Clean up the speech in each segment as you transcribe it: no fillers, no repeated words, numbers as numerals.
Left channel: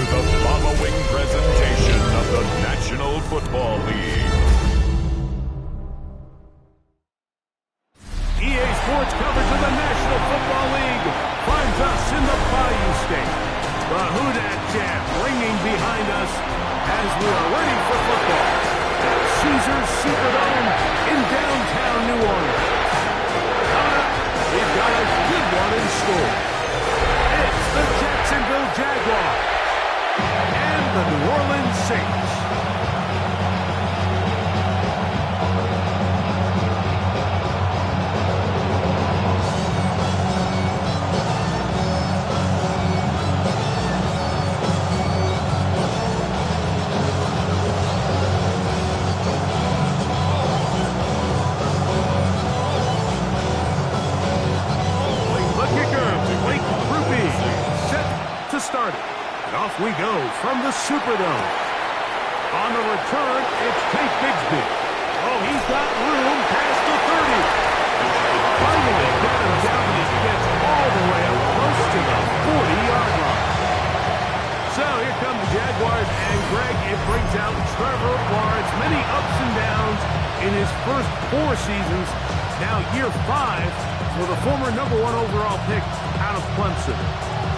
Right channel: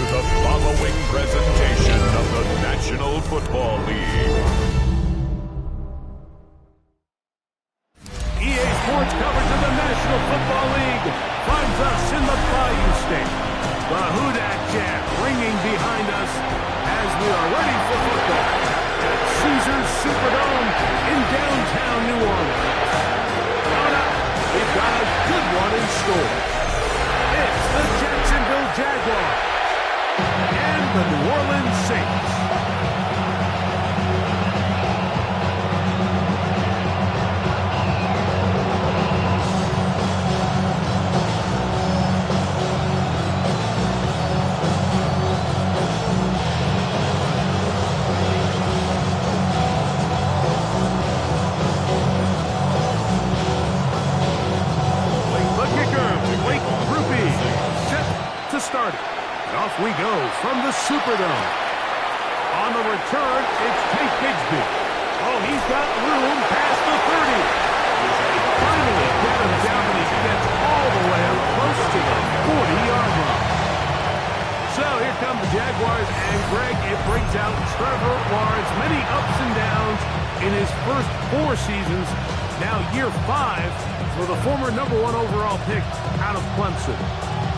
to the following presentation of the National Football League. EA Sports coverage of the National Football League finds us in the Bayou State. The Houdat chant ringing behind us as we are ready for football at Caesars Superdome in downtown New Orleans. Coming up, we've got a good one in store. It's the Jacksonville Jaguars and the New Orleans Saints. Started. And off we go from the Superdome. On the return, it's Tank Bigsby. Oh, he's got room past the 30. Finally get him down, and he gets all the way up close to the 40-yard line. So here come the Jaguars, and Greg, it brings out Trevor Lawrence. Many ups and downs in his first 4 seasons. Now year 5 for the former #1 overall pick out of Clemson.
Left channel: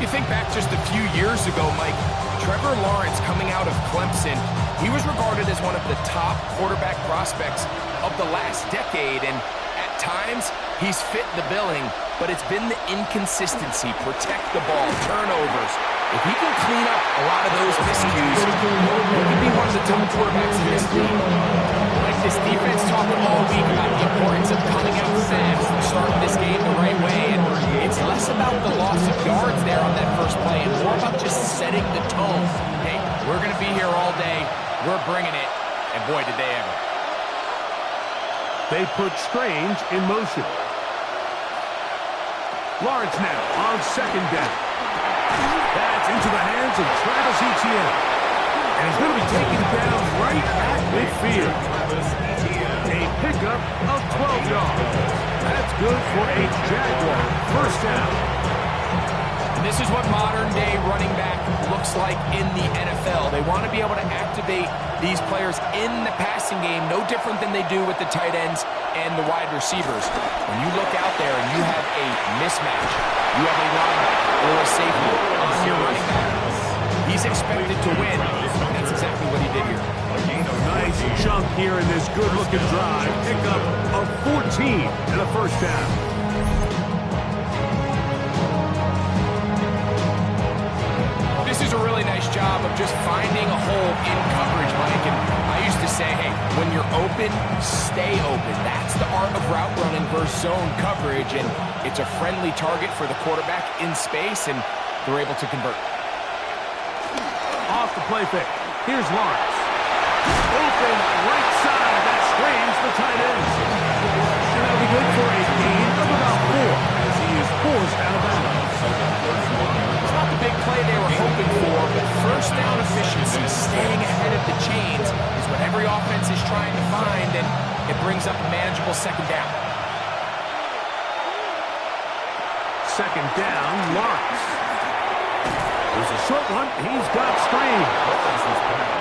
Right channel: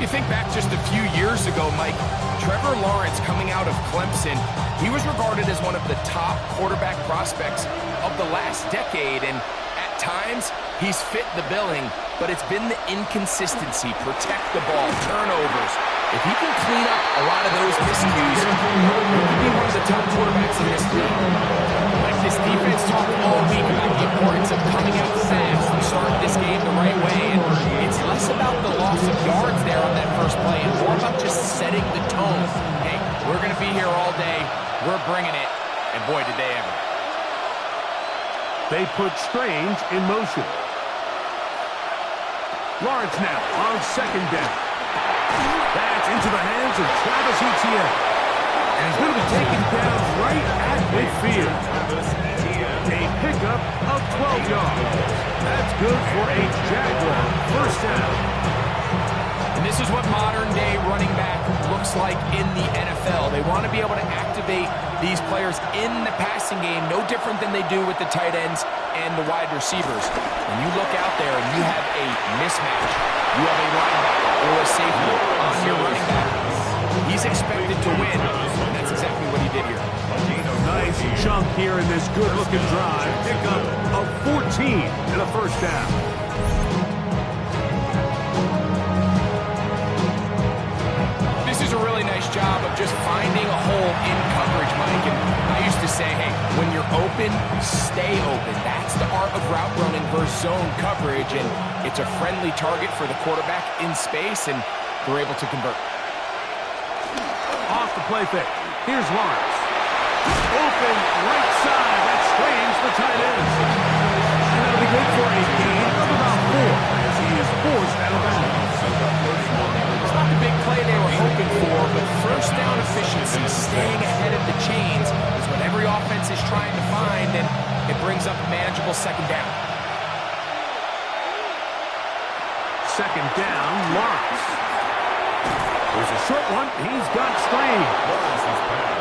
You think back just a few years ago, Mike, Trevor Lawrence coming out of Clemson, he was regarded as one of the top quarterback prospects of the last decade, and at times he's fit the billing, but it's been the inconsistency, protect the ball, turnovers. If he can clean up a lot of those miscues, he could be one of the top quarterbacks in this league. Like this defense talked all week about the importance of coming out fast and starting this game the right way, and it's less about the loss of yards there on that first play and more about just setting the tone. Hey, we're going to be here all day. We're bringing it, and boy, did they ever. They put Strange in motion. Lawrence now on second down. That's into the hands of Travis Etienne. And he's going to be taken down right at midfield. A pickup of 12 yards. That's good for a Jaguar first down. And this is what modern-day running back looks like in the NFL. They want to be able to activate these players in the passing game, no different than they do with the tight ends and the wide receivers. When you look out there and you have a mismatch, you have a linebacker or a safety on your running back, he's expected to win. And that's exactly what he did here. Nice chunk here in this good-looking drive. Pickup of 14 and a first down. This is a really nice job of just finding a hole in coverage, Mike. And I used to say, hey, when you're open, stay open. That's the art of route running versus zone coverage. And it's a friendly target for the quarterback in space, and they're able to convert. Off the play fake. Here's Lawrence. Open right side. That strains the tight end. And that'll be good for a gain of about 4 as he is forced out of bounds. It's not the big play they were hoping for, but first down efficiency, staying ahead of the chains, is what every offense is trying to find, and it brings up a manageable second down. Second down, Lawrence. There's a short one. He's got Strange.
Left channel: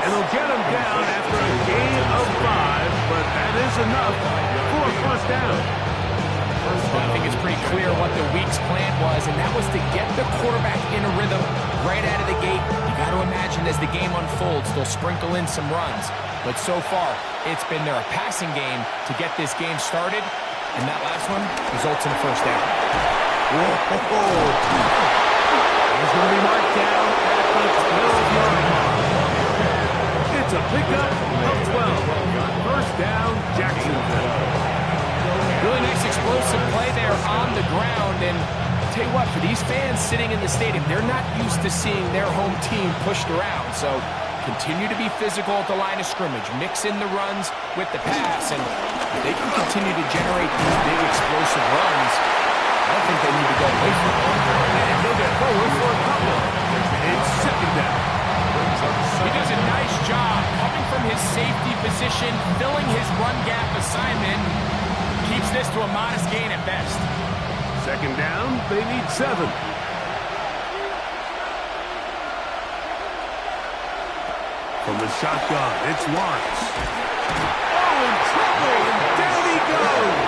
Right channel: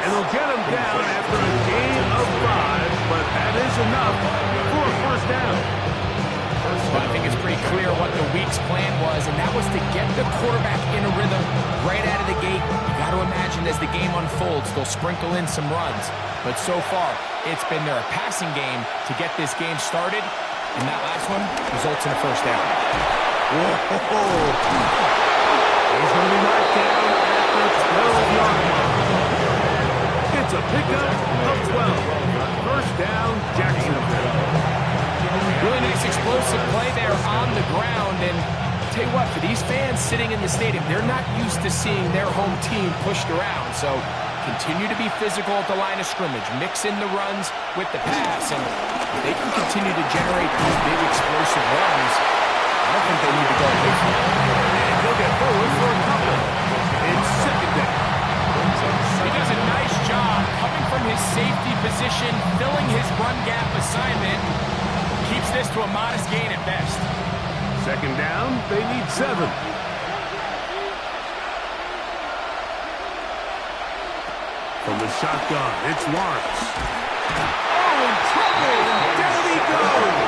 And they'll get him down after a gain of 5, but that is enough for a first down. Well, I think it's pretty clear what the week's plan was, and that was to get the quarterback in a rhythm right out of the gate. You got to imagine as the game unfolds, they'll sprinkle in some runs. But so far, it's been their passing game to get this game started, and that last one results in a first down. Whoa. He's going to be marked down at the 12-yard line. It's a pickup of 12. First down, Jacksonville. Really nice explosive play there on the ground. And I'll tell you what, for these fans sitting in the stadium, they're not used to seeing their home team pushed around. So continue to be physical at the line of scrimmage. Mix in the runs with the pass. And if they can continue to generate these big explosive runs, I don't think they need to go away from it. And he'll get forward for a couple. It's second down. He does a nice job coming from his safety position, filling his run gap assignment, and keeps this to a modest gain at best. Second down, they need 7. From the shotgun, it's Lawrence. Oh, in trouble, and down he goes.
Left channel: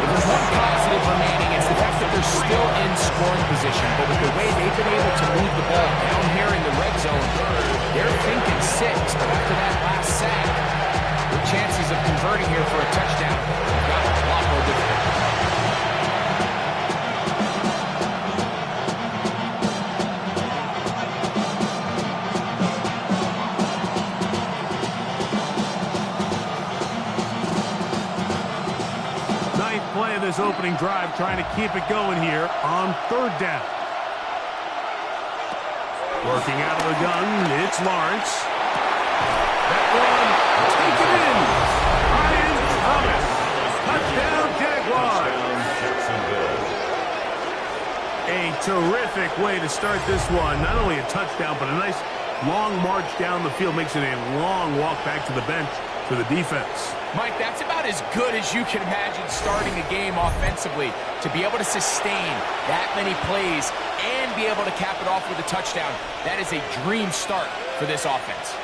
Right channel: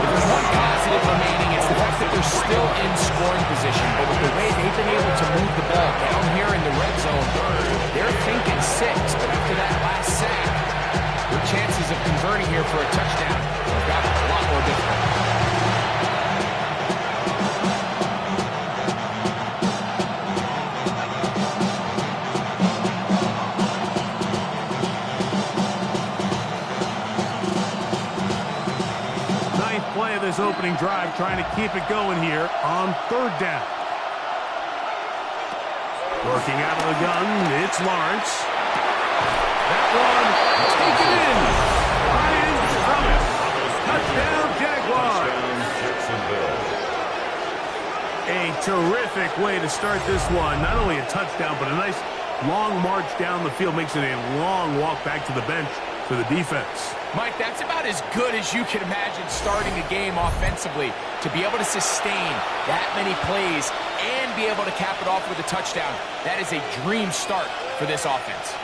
If there's one positive remaining, it's the fact that they're still in scoring position. But with the way they've been able to move the ball down here in the red zone, they're thinking 6. But after that last sack, their chances of converting here for a touchdown have gotten a lot more difficult. Play of this opening drive, trying to keep it going here on 3rd down. Working out of the gun, it's Lawrence. That one, taken in. Ryan Thomas. Touchdown, Jaguars. A terrific way to start this one. Not only a touchdown, but a nice long march down the field. Makes it a long walk back to the bench for the defense. Mike, that's about as good as you can imagine starting a game offensively. To be able to sustain that many plays and be able to cap it off with a touchdown, that is a dream start for this offense.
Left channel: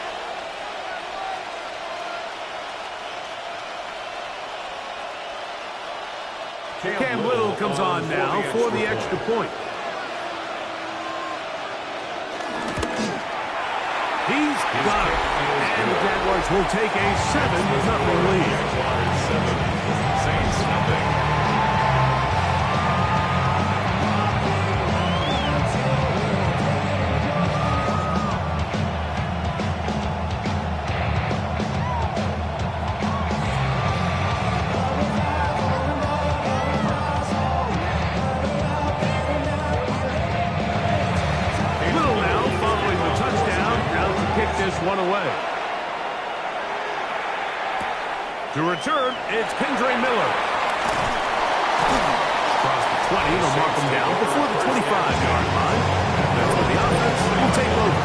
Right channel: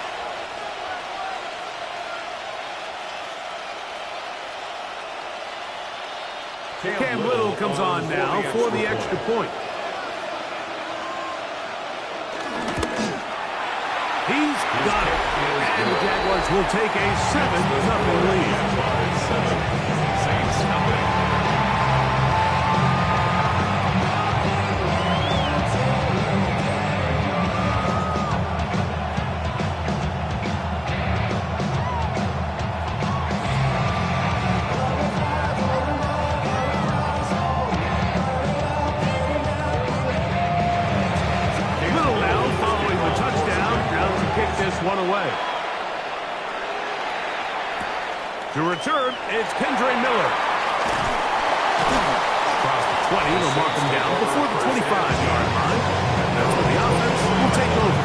Cam Little comes on now for the extra point. He's got it. And the Jaguars will take a 7-0 lead. Jaguars 7, Saints nothing. One away. To return, it's Kendre Miller. Across the 20, they'll mark him down before the 25-yard line. And that's when the offense will take over.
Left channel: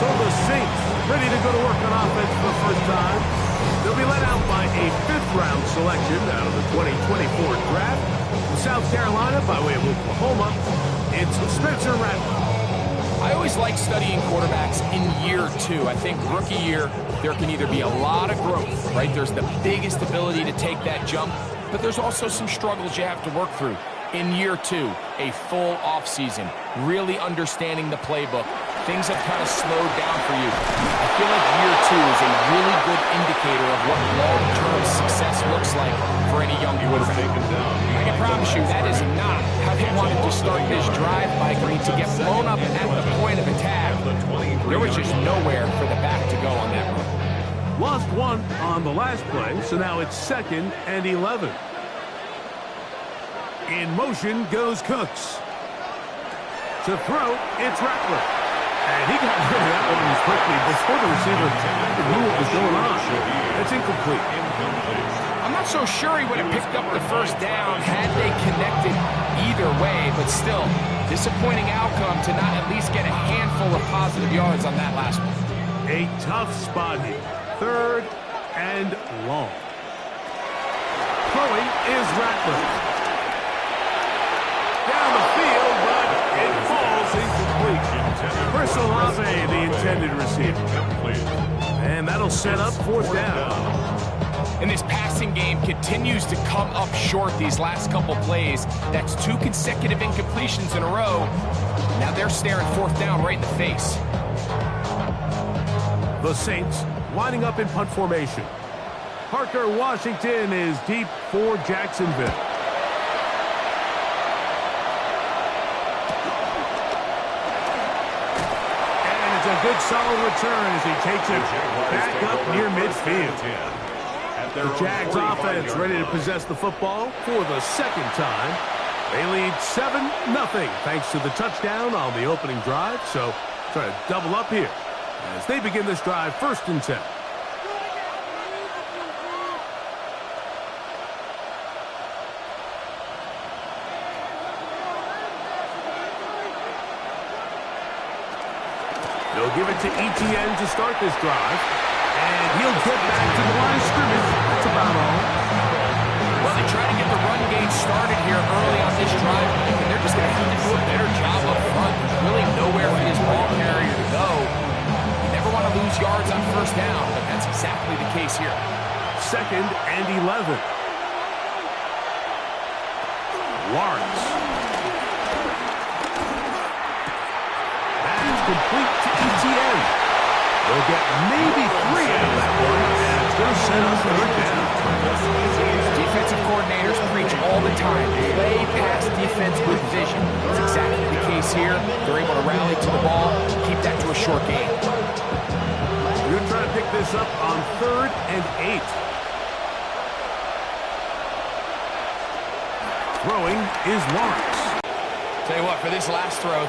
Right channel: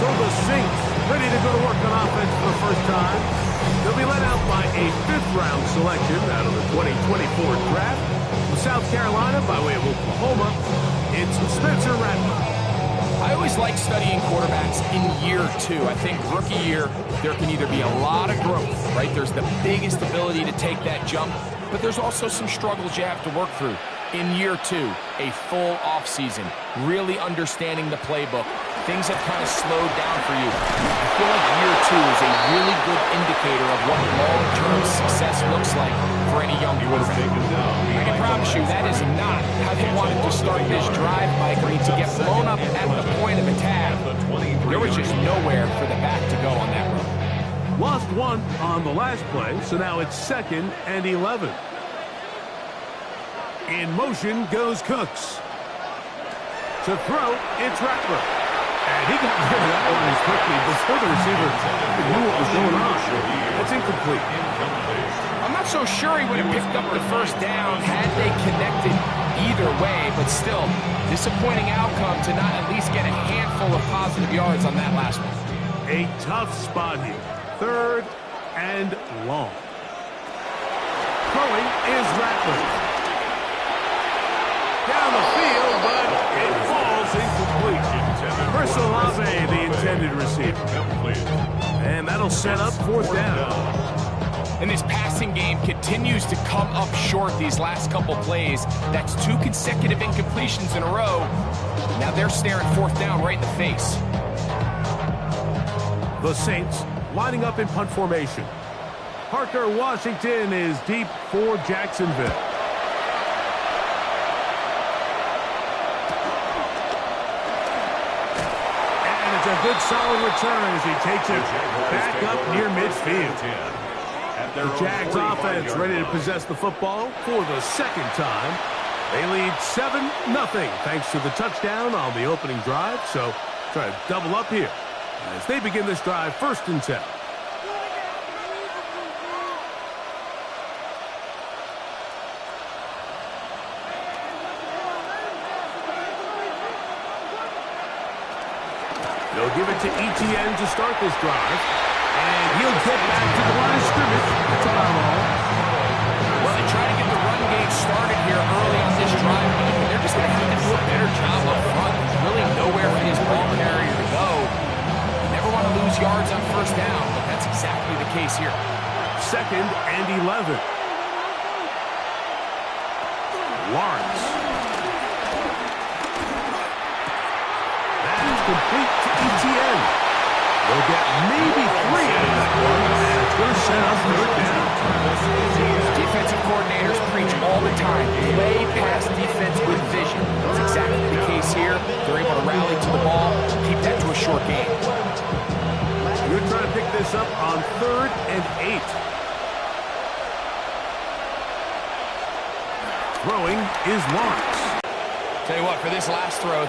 So the Saints ready to go to work on offense for the first time. They'll be led out by a 5th-round selection out of the 2024 draft. From South Carolina, by way of Oklahoma, it's Spencer Rattler. I always like studying quarterbacks in year 2. I think rookie year, there can either be a lot of growth, right? There's the biggest ability to take that jump, but there's also some struggles you have to work through. In year 2, a full offseason, really understanding the playbook. Things have kind of slowed down for you. I feel like year 2 is a really good indicator of what long-term success looks like for any young quarterback. I can promise you that is not how they wanted to start this drive, Mike. I mean, to get blown up at the point of attack, there was just nowhere for the back to go on that run. Lost one on the last play, so now it's 2nd and 11. In motion goes Cooks. To throw, it's Rattler. And he got rid of that one as quickly before the receiver even knew what was going on. That's incomplete. I'm not so sure he would have picked up the first down had they connected either way, but still, disappointing outcome to not at least get a handful of positive yards on that last one. A tough spot here. 3rd and long. Throwing is Rattler. Down the field, but it falls incomplete. Chris Olave, the intended receiver. And that'll set up 4th down. And this passing game continues to come up short these last couple plays. That's 2 consecutive incompletions in a row. Now they're staring 4th down right in the face. The Saints lining up in punt formation. Parker Washington is deep for Jacksonville. It's a good solid return as he takes it back up near midfield. The Jags offense ready to possess the football for the 2nd time. They lead 7-0 thanks to the touchdown on the opening drive. So try to double up here as they begin this drive 1st and 10. They'll give it to Etienne to start this drive. And he'll get back to the line of scrimmage. That's about all. Well, they try to get the run game started here early on this drive, Mike, and they're just going to have to do a better job up front. There's really nowhere for his ball carrier to go. yards on first down, but that's exactly the case here. 2nd and 11. Lawrence. That's complete to ETN. They'll get maybe 3 out of that one, and it's going to set up 3rd down. Defensive coordinators preach all the time, play pass defense with vision. That's exactly the case here. They're able to rally to the ball, keep that to a short game. You're going to try to pick this up on 3rd and 8. Throwing is Lawrence. Tell you what, for this last throw,